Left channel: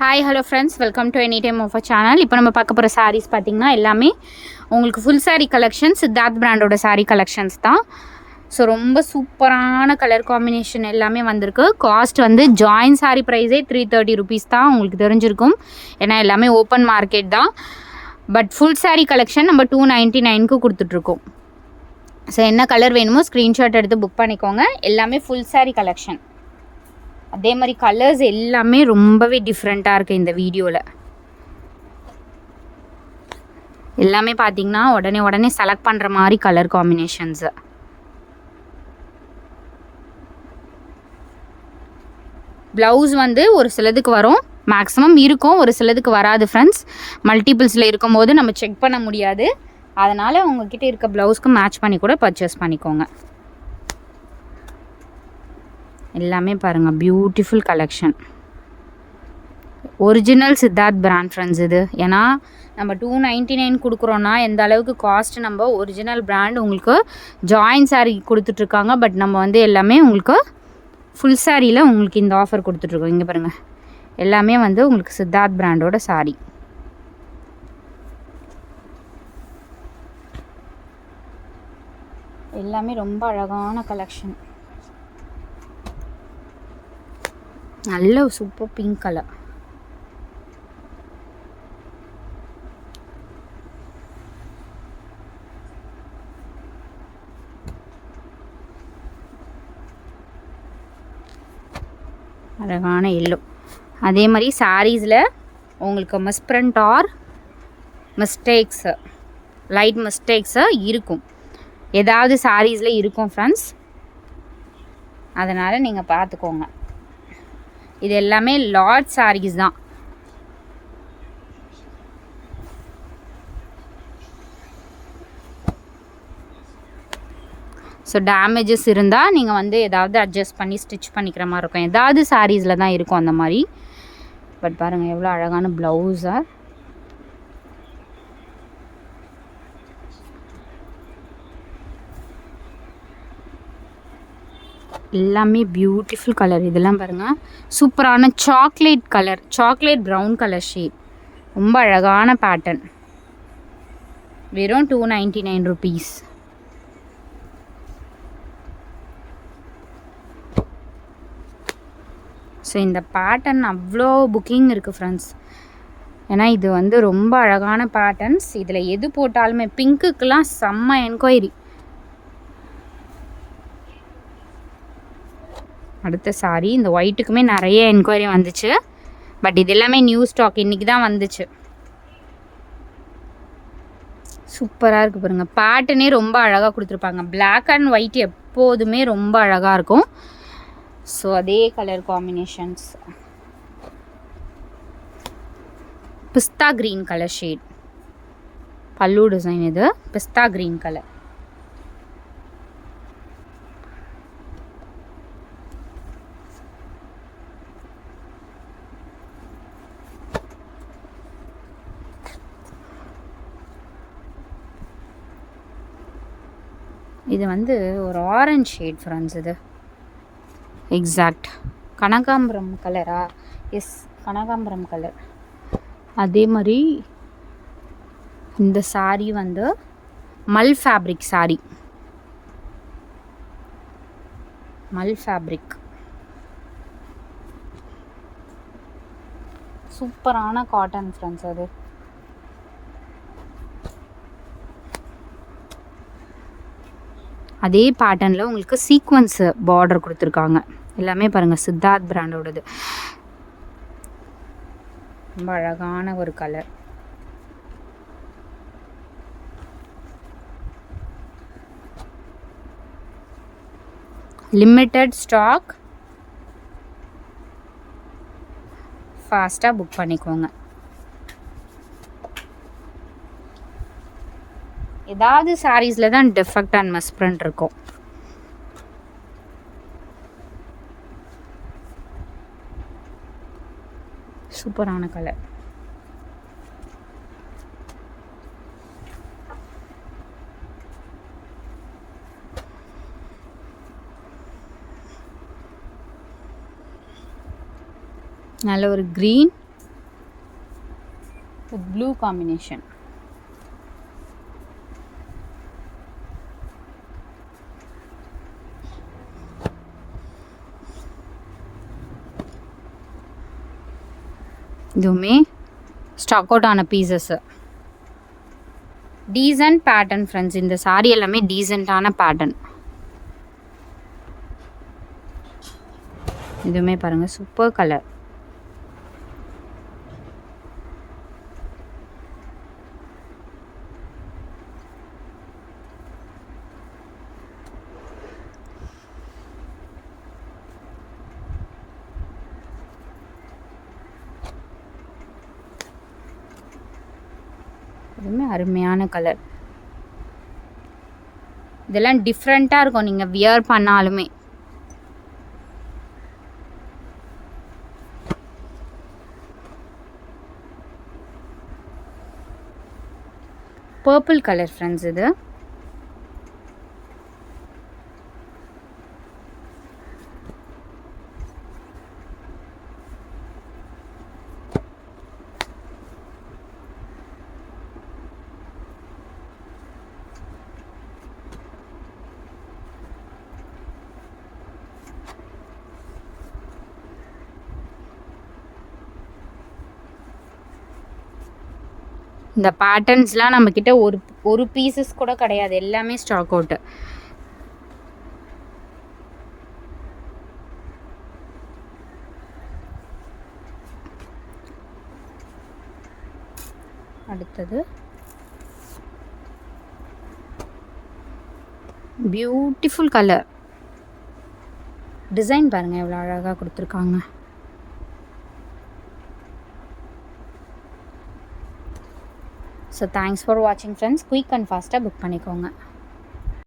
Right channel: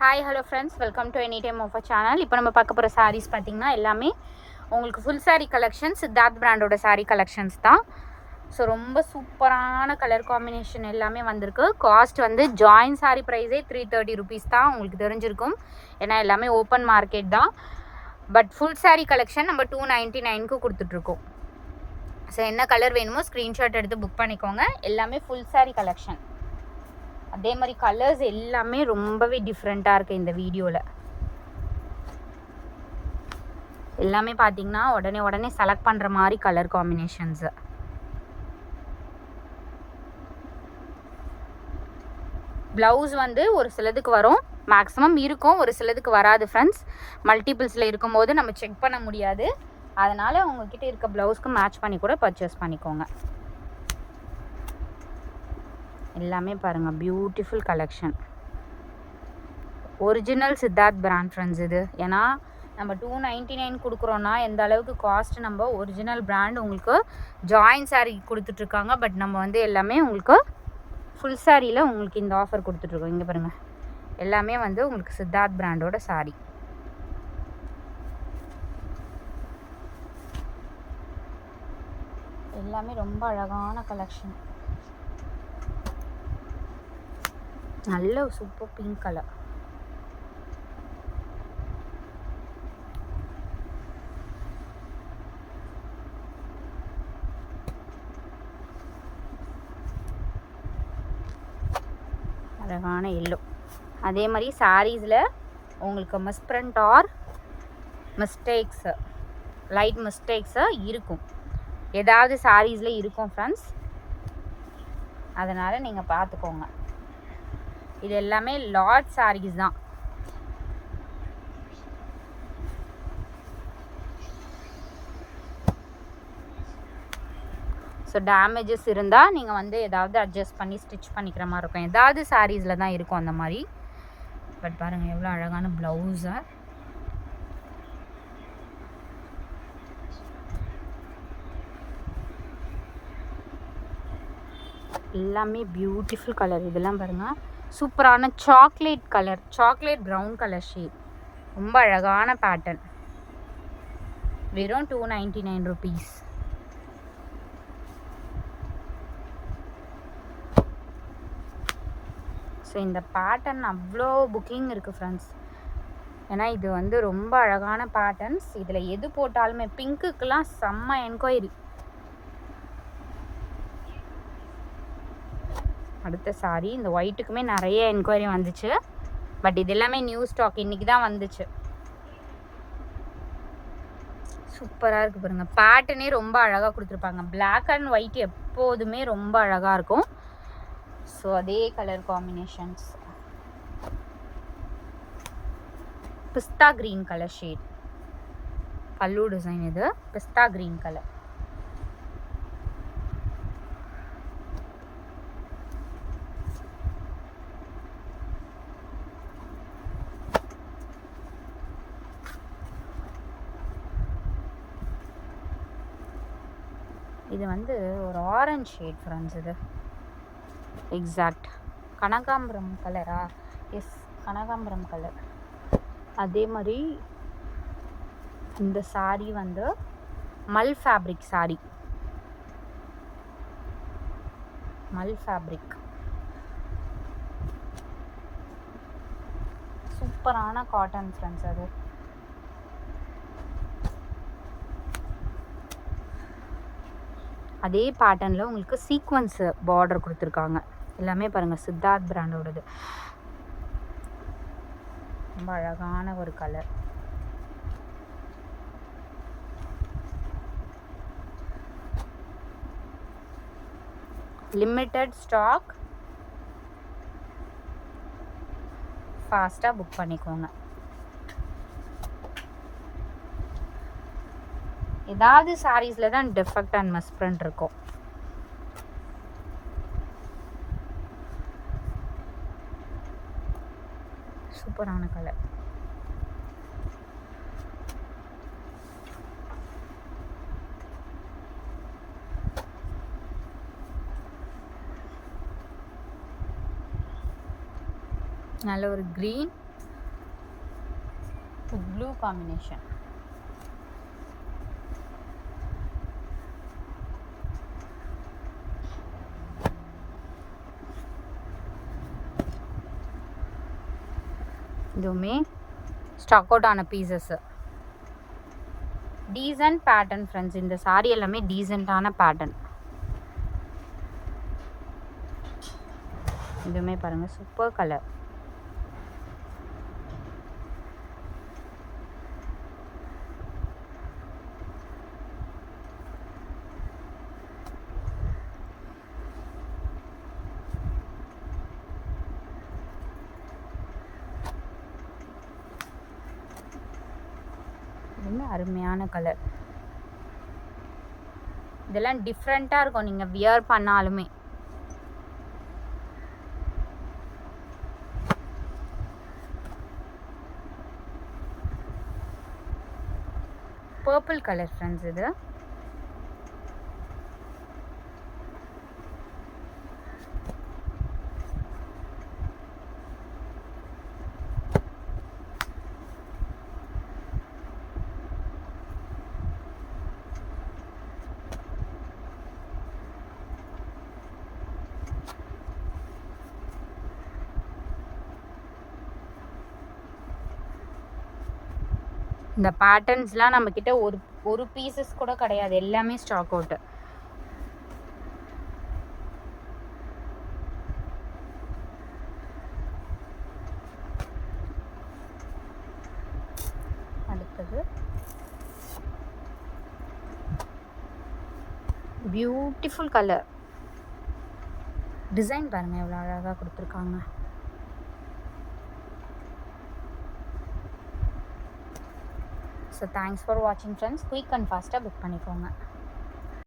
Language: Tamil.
Hi hello friends, welcome to any time of channel. இப்போ நம்ம பார்க்க போகிற சாரீஸ் பார்த்திங்கன்னா எல்லாமே உங்களுக்கு ஃபுல் சாரீ கலெக்ஷன்ஸ், சித்தார்த் பிராண்டோட சாரீ கலெக்ஷன்ஸ் தான். ஸோ ரொம்ப சூப்பரான கலர் காம்பினேஷன் எல்லாமே வந்திருக்கு. காஸ்ட் வந்து ஜாயின் சாரீ ப்ரைஸே 330 ருபீஸ் தான் உங்களுக்கு தெரிஞ்சிருக்கும். ஏன்னா எல்லாமே ஓப்பன் மார்க்கெட் தான். பட் ஃபுல் சாரீ கலெக்ஷன் நம்ம 299க்கு கொடுத்துட்ருக்கோம். ஸோ என்ன கலர் வேணுமோ ஸ்க்ரீன்ஷாட் எடுத்து புக் பண்ணிக்கோங்க. எல்லாமே ஃபுல் சாரீ கலெக்ஷன். அதே மாதிரி கலர்ஸ் எல்லாமே ரொம்பவே டிஃப்ரெண்ட்டாக இருக்குது இந்த வீடியோவில். எல்லாமே பார்த்தீங்கன்னா உடனே செலக்ட் பண்ணுற மாதிரி கலர் காம்பினேஷன்ஸு. ப்ளவுஸ் வந்து ஒரு சிலதுக்கு வரும், மேக்ஸிமம் இருக்கும், ஒரு சிலதுக்கு வராது ஃப்ரெண்ட்ஸ். மல்டிபிள்ஸில் இருக்கும்போது நம்ம செக் பண்ண முடியாது. அதனால் உங்ககிட்ட இருக்க ப்ளவுஸ்க்கு மேட்ச் பண்ணி கூட பர்ச்சேஸ் பண்ணிக்கோங்க. எல்லாமே பாருங்கள், beautiful collection. Original Siddharth brand friends இது. ஏன்னா நம்ம 299 கொடுக்குறோன்னா எந்த அளவுக்கு காஸ்ட் நம்ம ஒரிஜினல் பிராண்ட் உங்களுக்கு ஜாயின் சாரீ கொடுத்துட்ருக்காங்க. பட் நம்ம வந்து எல்லாமே உங்களுக்கு ஃபுல் சாரியில் உங்களுக்கு இந்த ஆஃபர் கொடுத்துட்ருக்கோம். இங்கே பாருங்கள், எல்லாமே வந்து உங்களுக்கு சித்தார்த் பிராண்டோட சாரீ. எல்லாமே ரொம்ப அழகான கலெக்ஷன். நல்ல சூப்பர் பிங்க் கலர். அழகான எல்லோ. அதே மாதிரி சாரீஸில் உங்களுக்கு misprint or mistakes, light mistakes இருக்கும், ஏதாவது சாரீஸில் இருக்கும் ஃப்ரெண்ட்ஸ். அதனால் நீங்கள் பார்த்துக்கோங்க. இது எல்லாமே லாட் சாரீஸ் தான். ஸோ டேமேஜஸ் இருந்தால் நீங்கள் வந்து ஏதாவது அட்ஜஸ்ட் பண்ணி ஸ்டிச் பண்ணிக்கிற மாதிரி இருக்கும். ஏதாவது சாரீஸில் தான் இருக்கும் அந்த மாதிரி. பட் பாருங்கள் எவ்வளோ அழகான ப்ளவுஸாக. எல்லாமே பியூட்டிஃபுல் கலர். இதெல்லாம் பாருங்கள், சூப்பரான chocolate colour, chocolate brown colour shade. ரொம்ப அழகான பேட்டர்ன். வெறும் 299 ருபீஸ். ஸோ இந்த பேட்டர்ன் அவ்வளோ புக்கிங் இருக்குது ஃப்ரெண்ட்ஸ். ஏன்னா இது வந்து ரொம்ப அழகான பேட்டர்ன்ஸ். இதில் எது போட்டாலுமே பிங்க்குக்கெலாம் செம்ம என்கொயரி. அடுத்த சாரி இந்த ஒயிட்டுக்குமே நிறைய என்கொயரி வந்துச்சு. பட் இது எல்லாமே நியூ ஸ்டாக், இன்றைக்கி தான் வந்துச்சு. சூப்பராக இருக்குது பாருங்கள். பேட்டர்னே ரொம்ப அழகாக கொடுத்துருப்பாங்க. பிளாக் அண்ட் ஒயிட் எப்போதுமே ரொம்ப அழகாக இருக்கும். ஸோ அதே கலர் காம்பினேஷன்ஸ். பிஸ்தா க்ரீன் கலர் ஷேட் பல்லு டிசைன். இது பிஸ்தா க்ரீன் கலர். இது வந்து ஒரு ஆரஞ்ச் ஷேட் ஃப்ரெண்ட்ஸ். இது எக்ஸாக்ட் கனகாம்பரம் கலரா? எஸ், கனகாம்பரம் கலர். அதே மாதிரி இந்த சாரீ வந்து மல் ஃபேப்ரிக் சாரீ. மல் ஃபேப்ரிக் சூப்பரான காட்டன் ஃப்ரெண்ட்ஸ். அது அதே பேட்டர்னில் உங்களுக்கு சீக்வன்ஸ் பார்டர் கொடுத்துருக்காங்க. எல்லாமே பாருங்கள் சித்தார்த் பிராண்டோடது. ரொம்ப அழகான ஒரு கலர். லிமிட்டட் ஸ்டாக், ஃபாஸ்ட்டாக புக் பண்ணிக்கோங்க. ஏதாவது சாரீஸில் தான் டிஃபெக்ட் அண்ட் மிஸ்பிரிண்ட் இருக்கும். சூப்பரான கலர். நல்ல ஒரு க்ரீன் வித் ப்ளூ காம்பினேஷன். இதுவுமே ஸ்டாக் அவுட் ஆன பீசஸ்ஸு. Decent pattern friends. இந்த சாரீ எல்லாமே டீசெண்டான பேட்டர்ன். இதுவுமே பாருங்கள் சூப்பர் கலர். இதுவுமே அருமையான கலர். இதெல்லாம் டிஃப்ரெண்ட்டாக இருக்கும் நீங்கள் வியர் பண்ணாலுமே. பர்பிள் கலர் ஃப்ரெண்ட்ஸ் இது. இந்த பேட்டர்ன்ஸ்லாம் நம்மக்கிட்ட ஒரு பீசஸ் கூட கிடையாது, எல்லாமே ஸ்டாக் அவுட்டு. அடுத்தது பியூட்டிஃபுல் கலர். டிசைன் பாருங்கள் எவ்வளோ அழகாக கொடுத்துருக்காங்க. ஸோ தேங்க்ஸ் ஃபார் வாட்சிங் ஃப்ரெண்ட்ஸ். குயிக் அண்ட் ஃபாஸ்ட்டாக புக் பண்ணிக்கோங்க.